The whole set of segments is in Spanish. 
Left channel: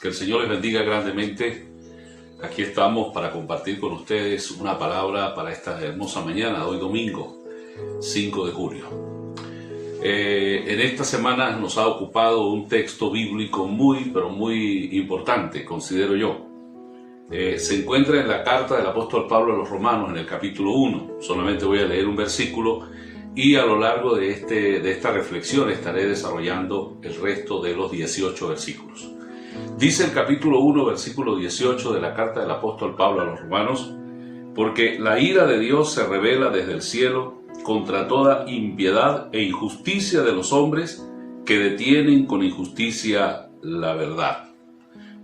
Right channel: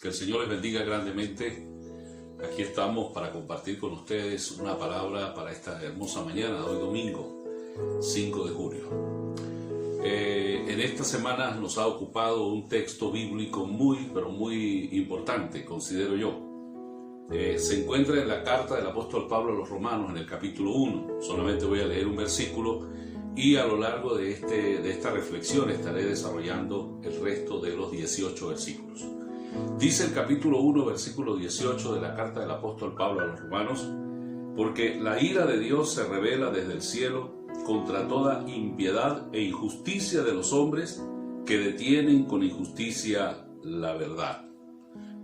Que el Señor les bendiga grandemente. Aquí estamos para compartir con ustedes una palabra para esta hermosa mañana, hoy domingo, 5 de julio. En esta semana nos ha ocupado un texto bíblico muy importante, considero yo. Se encuentra en la carta del apóstol Pablo a los Romanos, en el capítulo 1. Solamente voy a leer un versículo y a lo largo de esta reflexión estaré desarrollando el resto de los 18 versículos. Dice el capítulo 1, versículo 18 de la carta del apóstol Pablo a los Romanos: porque la ira de Dios se revela desde el cielo contra toda impiedad e injusticia de los hombres que detienen con injusticia la verdad.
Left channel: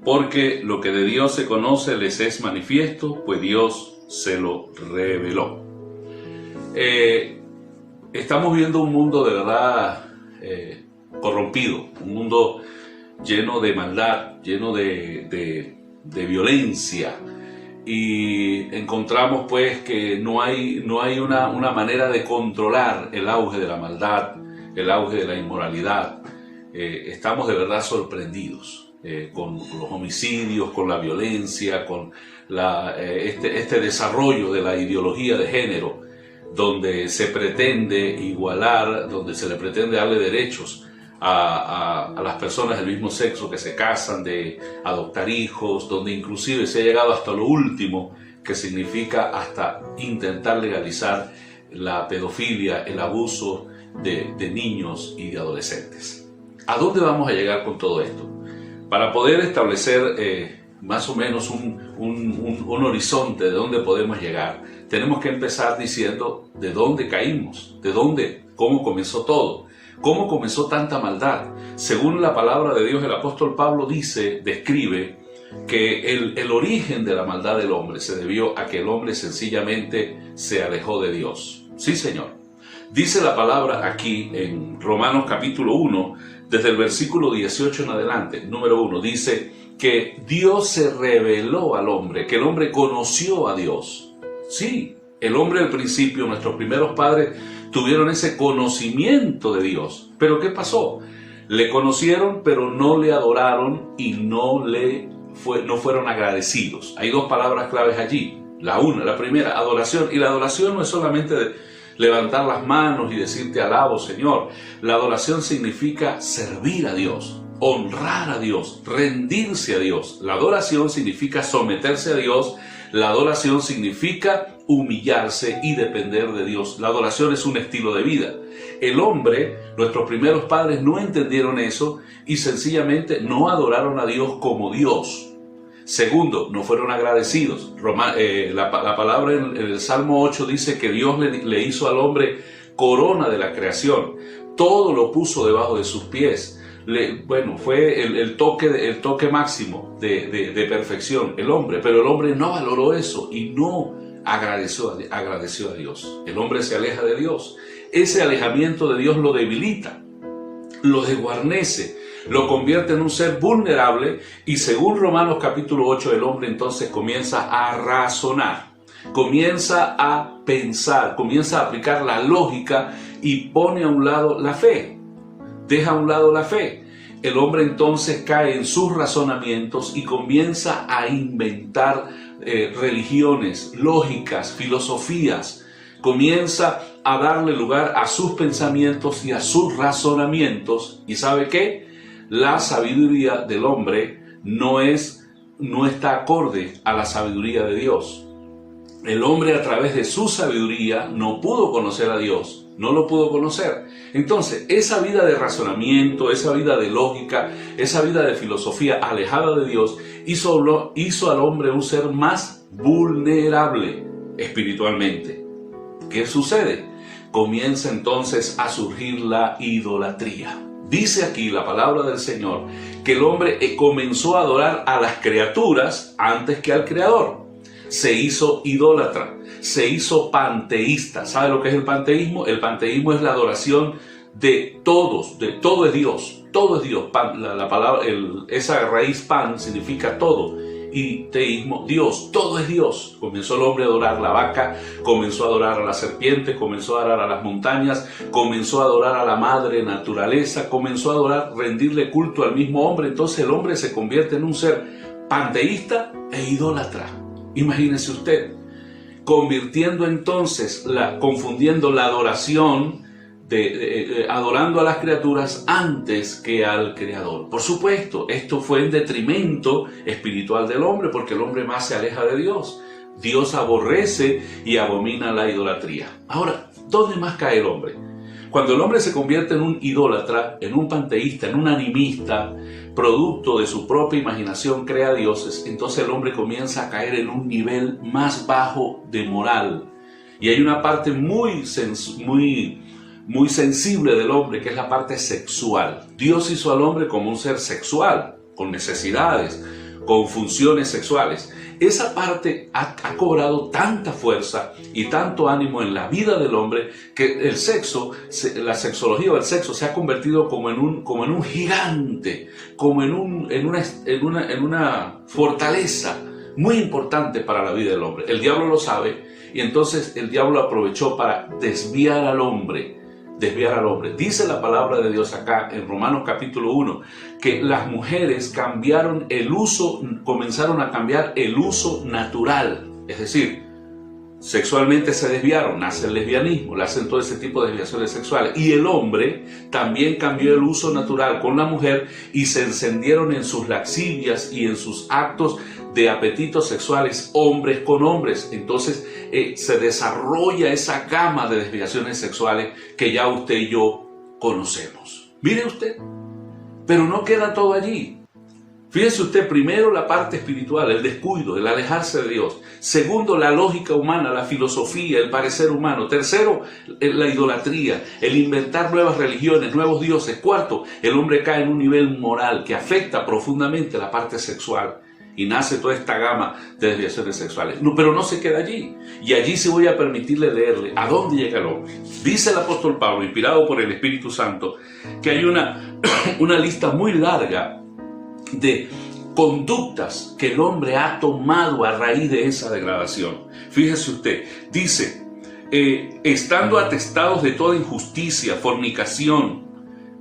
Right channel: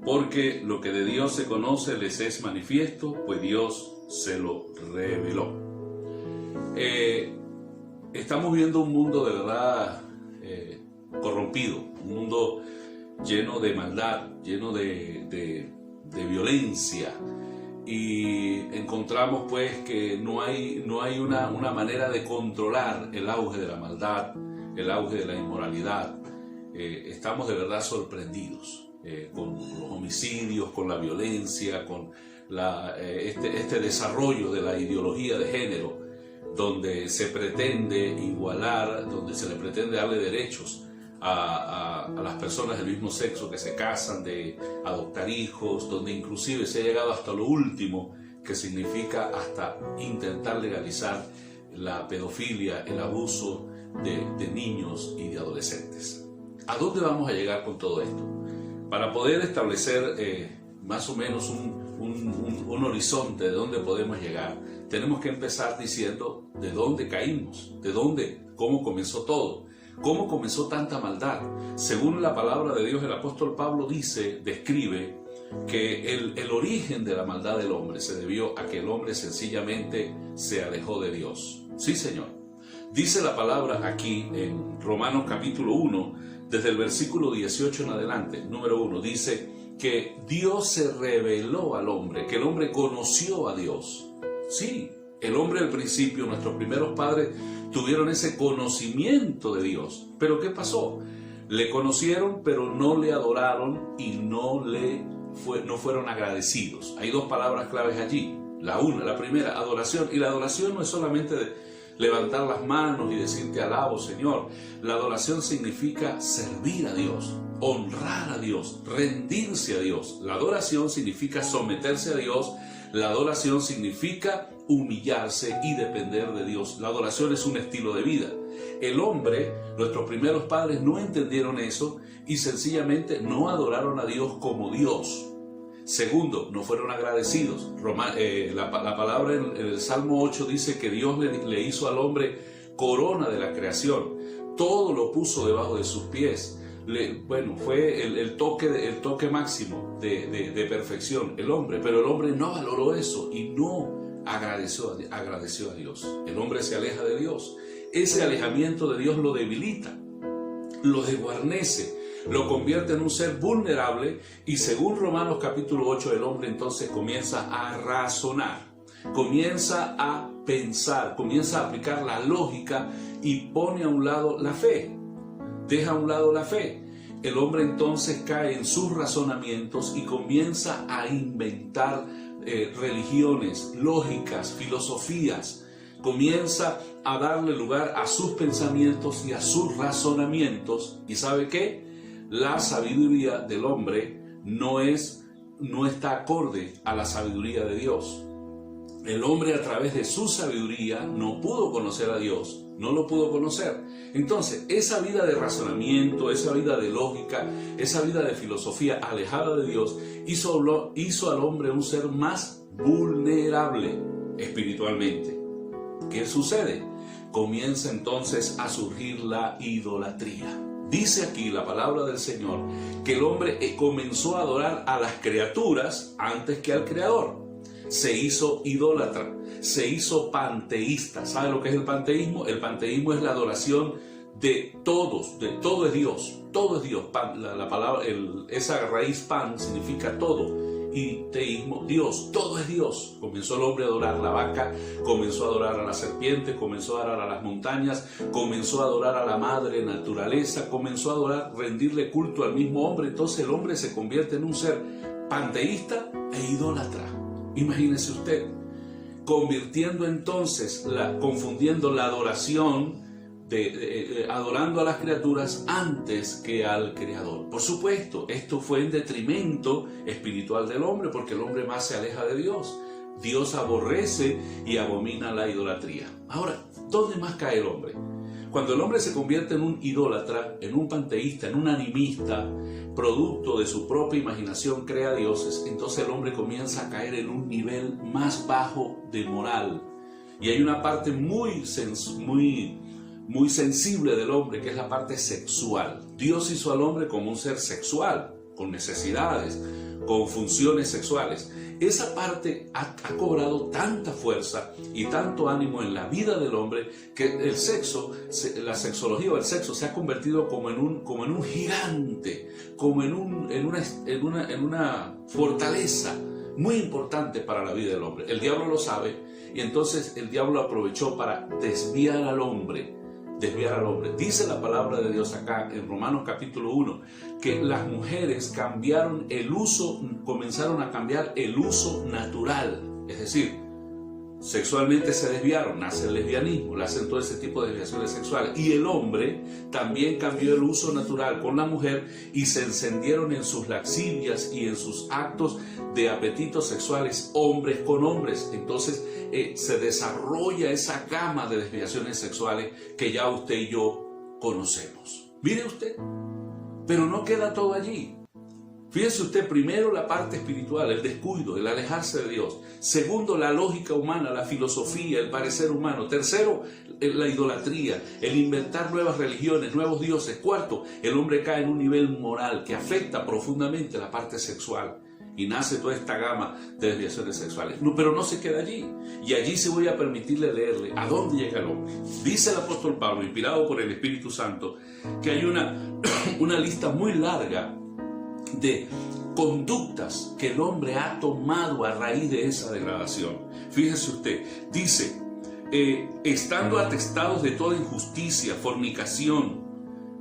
Porque lo que de Dios se conoce les es manifiesto, pues Dios se lo reveló. Estamos viendo un mundo de verdad corrompido, un mundo lleno de maldad, lleno de violencia, y encontramos pues que no hay una manera de controlar el auge de la maldad, el auge de la inmoralidad. Estamos de verdad sorprendidos con los homicidios, con la violencia, con este desarrollo de la ideología de género, donde se pretende igualar, donde se le pretende darle derechos a las personas del mismo sexo que se casan, de adoptar hijos, donde inclusive se ha llegado hasta lo último, que significa hasta intentar legalizar la pedofilia, el abuso de niños y de adolescentes. ¿A dónde vamos a llegar con todo esto? Para poder establecer más o menos un horizonte de dónde podemos llegar, tenemos que empezar diciendo de dónde caímos, cómo comenzó todo. ¿Cómo comenzó tanta maldad? Según la palabra de Dios, el apóstol Pablo describe que el origen de la maldad del hombre se debió a que el hombre sencillamente se alejó de Dios. Sí, Señor. Dice la palabra aquí en Romanos capítulo 1, desde el versículo 18 en adelante, número 1, dice que Dios se reveló al hombre, que el hombre conoció a Dios. Sí, el hombre al principio, nuestros primeros padres, tuvieron ese conocimiento de Dios. ¿Pero qué pasó? Le conocieron, pero no le adoraron y no fueron agradecidos. Hay dos palabras claves allí. La primera, adoración. Y la adoración no es solamente levantar las manos y decir te alabo, Señor. La adoración significa servir a Dios, honrar a Dios, rendirse a Dios. La adoración significa someterse a Dios. La adoración significa humillarse y depender de Dios. La adoración es un estilo de vida. El hombre, nuestros primeros padres, no entendieron eso y sencillamente no adoraron a Dios como Dios. Segundo, no fueron agradecidos. La palabra en el Salmo 8 dice que Dios le hizo al hombre corona de la creación. Todo lo puso debajo de sus pies. Fue el toque máximo de perfección, el hombre, pero el hombre no valoró eso y no agradeció a Dios. El hombre se aleja de Dios. Ese alejamiento de Dios lo debilita, lo desguarnece, lo convierte en un ser vulnerable, y según Romanos capítulo 8, el hombre entonces comienza a razonar, comienza a pensar, comienza a aplicar la lógica y pone a un lado la fe. Deja a un lado la fe. El hombre entonces cae en sus razonamientos y comienza a inventar religiones, lógicas, filosofías. Comienza a darle lugar a sus pensamientos y a sus razonamientos. ¿Y sabe qué? La sabiduría del hombre no está acorde a la sabiduría de Dios. El hombre, a través de su sabiduría, no pudo conocer a Dios. No lo pudo conocer. Entonces, esa vida de razonamiento, esa vida de lógica, esa vida de filosofía alejada de Dios hizo al hombre un ser más vulnerable espiritualmente. ¿Qué sucede? Comienza entonces a surgir la idolatría. Dice aquí la palabra del Señor que el hombre comenzó a adorar a las criaturas antes que al Creador. Se hizo idólatra, se hizo panteísta. ¿Sabe lo que es el panteísmo? El panteísmo es la adoración de todo es Dios, todo es Dios. La palabra, esa raíz pan significa todo, politeísmo, Dios, todo es Dios. Comenzó el hombre a adorar la vaca, comenzó a adorar a la serpiente, comenzó a adorar a las montañas, comenzó a adorar a la madre naturaleza, comenzó a adorar, rendirle culto al mismo hombre. Entonces el hombre se convierte en un ser panteísta e idólatra. Imagínese usted, convirtiendo entonces, confundiendo la adoración adorando a las criaturas antes que al Creador. Por supuesto, esto fue en detrimento espiritual del hombre, porque el hombre más se aleja de Dios. Dios aborrece y abomina la idolatría. Ahora, ¿dónde más cae el hombre? Cuando el hombre se convierte en un idólatra, en un panteísta, en un animista, producto de su propia imaginación crea dioses, entonces el hombre comienza a caer en un nivel más bajo de moral. Y hay una parte muy sensible del hombre, que es la parte sexual. Dios hizo al hombre como un ser sexual, con necesidades, con funciones sexuales. Esa parte ha cobrado tanta fuerza y tanto ánimo en la vida del hombre que el sexo, la sexología o el sexo se ha convertido como en un gigante, como en una fortaleza muy importante para la vida del hombre. El diablo lo sabe y entonces el diablo aprovechó para desviar al hombre. Dice la palabra de Dios acá en Romanos capítulo 1 que las mujeres comenzaron a cambiar el uso natural, es decir, sexualmente se desviaron, nace el lesbianismo, hacen todo ese tipo de desviaciones sexuales, y el hombre también cambió el uso natural con la mujer y se encendieron en sus lascivias y en sus actos de apetitos sexuales hombres con hombres. Entonces se desarrolla esa gama de desviaciones sexuales que ya usted y yo conocemos. Mire usted, pero no queda todo allí. Fíjese usted, primero la parte espiritual, el descuido, el alejarse de Dios. Segundo, la lógica humana, la filosofía, el parecer humano. Tercero, la idolatría, el inventar nuevas religiones, nuevos dioses. Cuarto, el hombre cae en un nivel moral que afecta profundamente la parte sexual. Y nace toda esta gama de desviaciones sexuales. No, pero no se queda allí. Y allí sí voy a permitirle leerle a dónde llega el hombre. Dice el apóstol Pablo, inspirado por el Espíritu Santo, que hay una lista muy larga de conductas que el hombre ha tomado a raíz de esa degradación. Fíjese usted, dice, estando atestados de toda injusticia, fornicación,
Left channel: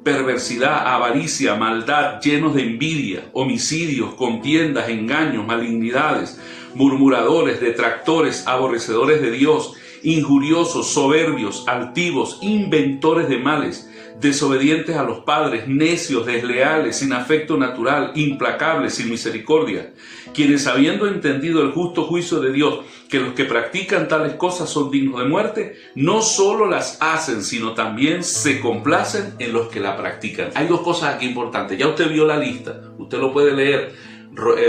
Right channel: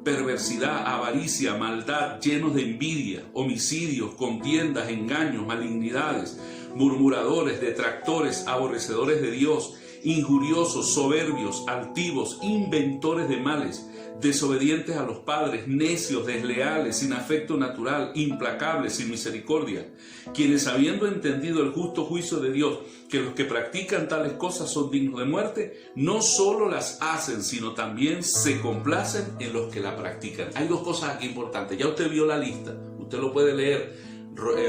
perversidad, avaricia, maldad, llenos de envidia, homicidios, contiendas, engaños, malignidades, murmuradores, detractores, aborrecedores de Dios, injuriosos, soberbios, altivos, inventores de males, desobedientes a los padres, necios, desleales, sin afecto natural, implacables, sin misericordia, quienes habiendo entendido el justo juicio de Dios, que los que practican tales cosas son dignos de muerte, no solo las hacen, sino también se complacen en los que la practican. Hay dos cosas aquí importantes, ya usted vio la lista, usted lo puede leer,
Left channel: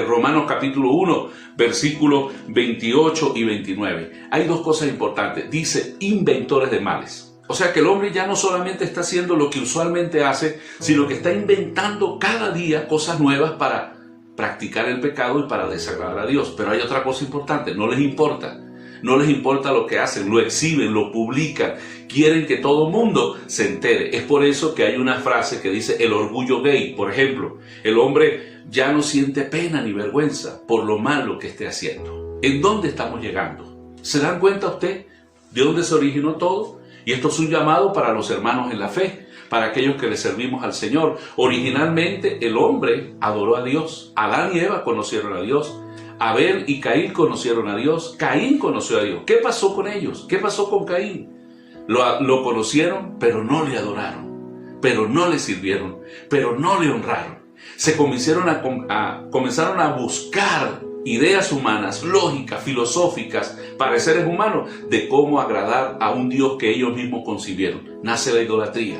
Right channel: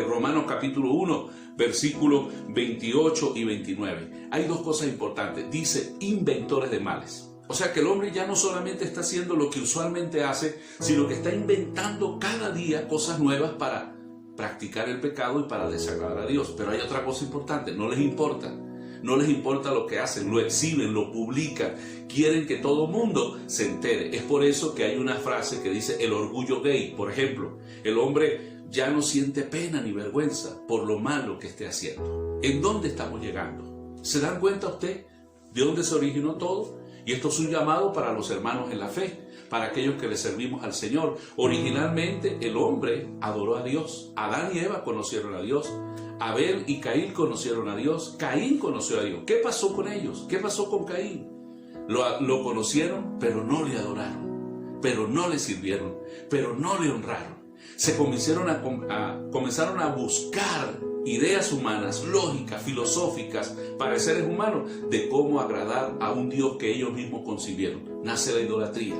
Romanos capítulo 1, versículos 28 y 29. Hay dos cosas importantes, dice inventores de males. O sea que el hombre ya no solamente está haciendo lo que usualmente hace, sino que está inventando cada día cosas nuevas para practicar el pecado y para desagradar a Dios. Pero hay otra cosa importante, no les importa lo que hacen, lo exhiben, lo publican, quieren que todo el mundo se entere. Es por eso que hay una frase que dice el orgullo gay, por ejemplo. El hombre ya no siente pena ni vergüenza por lo malo que esté haciendo. ¿En dónde estamos llegando? ¿Se dan cuenta usted de dónde se originó todo? Y esto es un llamado para los hermanos en la fe, para aquellos que le servimos al Señor. Originalmente el hombre adoró a Dios. Adán y Eva conocieron a Dios. Abel y Caín conocieron a Dios. Caín conoció a Dios. ¿Qué pasó con ellos? ¿Qué pasó con Caín? Lo conocieron, pero no le adoraron, pero no le sirvieron, pero no le honraron. Comenzaron a buscar ideas humanas, lógicas, filosóficas, pareceres humanos de cómo agradar a un Dios que ellos mismos concibieron. Nace la idolatría.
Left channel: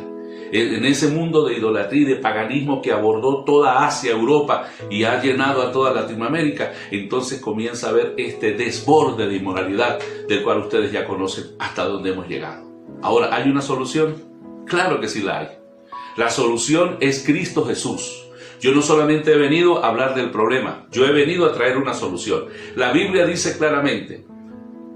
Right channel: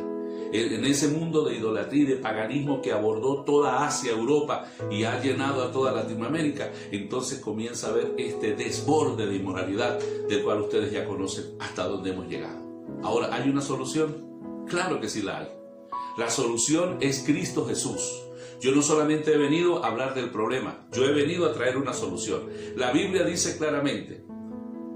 En ese mundo de idolatría y de paganismo que abordó toda Asia, Europa y ha llenado a toda Latinoamérica, entonces comienza a haber este desborde de inmoralidad del cual ustedes ya conocen hasta dónde hemos llegado. Ahora, ¿hay una solución? Claro que sí la hay. La solución es Cristo Jesús. Yo no solamente he venido a hablar del problema, yo he venido a traer una solución. La Biblia dice claramente,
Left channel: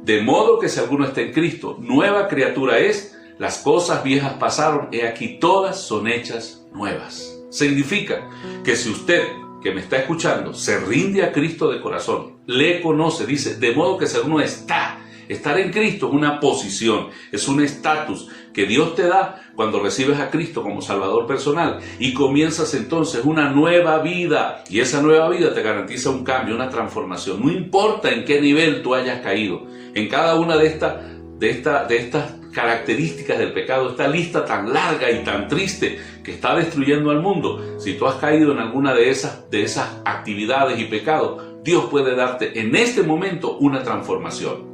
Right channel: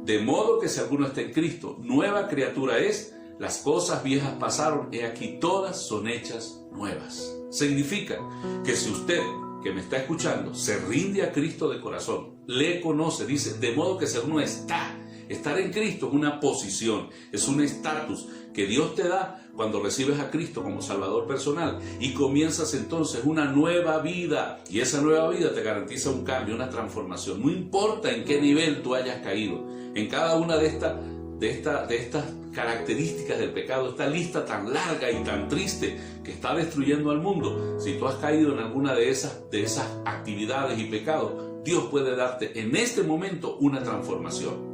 de modo que si alguno está en Cristo, nueva criatura es, las cosas viejas pasaron, he aquí todas son hechas nuevas. Significa que si usted que me está escuchando se rinde a Cristo de corazón, le conoce, dice, de modo que ser uno está. Estar en Cristo es una posición, es un estatus que Dios te da cuando recibes a Cristo como Salvador personal y comienzas entonces una nueva vida, y esa nueva vida te garantiza un cambio, una transformación. No importa en qué nivel tú hayas caído, en cada una de estas características del pecado, esta lista tan larga y tan triste que está destruyendo al mundo. Si tú has caído en alguna de esas actividades y pecados, Dios puede darte en este momento una transformación.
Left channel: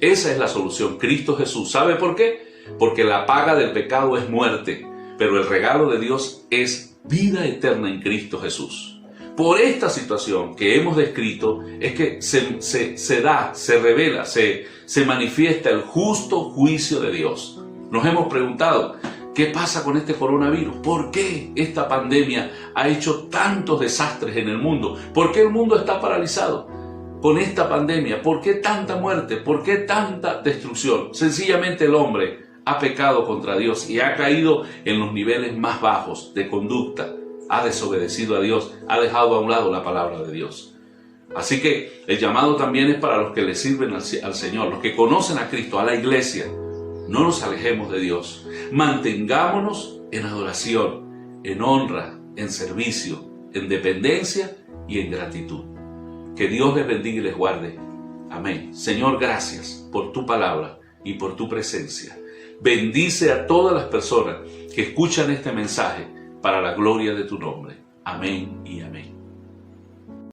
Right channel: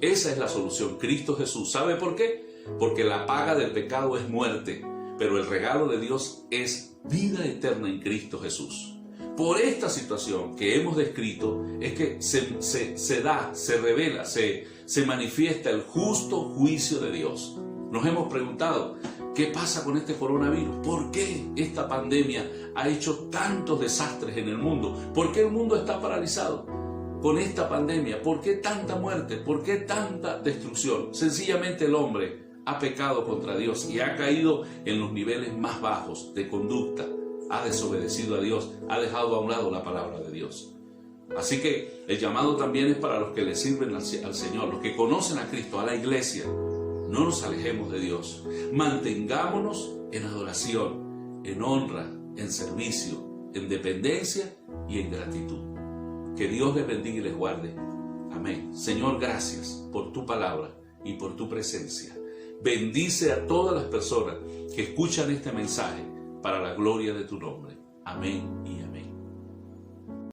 Esa es la solución, Cristo Jesús. ¿Sabe por qué? Porque la paga del pecado es muerte, pero el regalo de Dios es vida eterna en Cristo Jesús. Por esta situación que hemos descrito es que se revela, se manifiesta el justo juicio de Dios. Nos hemos preguntado, ¿qué pasa con este coronavirus? ¿Por qué esta pandemia ha hecho tantos desastres en el mundo? ¿Por qué el mundo está paralizado con esta pandemia? ¿Por qué tanta muerte? ¿Por qué tanta destrucción? Sencillamente el hombre ha pecado contra Dios y ha caído en los niveles más bajos de conducta. Ha desobedecido a Dios, ha dejado a un lado la palabra de Dios. Así que el llamado también es para los que le sirven al Señor, los que conocen a Cristo, a la iglesia. No nos alejemos de Dios. Mantengámonos en adoración, en honra, en servicio, en dependencia y en gratitud. Que Dios les bendiga y les guarde. Amén. Señor, gracias por tu palabra y por tu presencia. Bendice a todas las personas que escuchan este mensaje para la gloria de tu nombre. Amén y amén.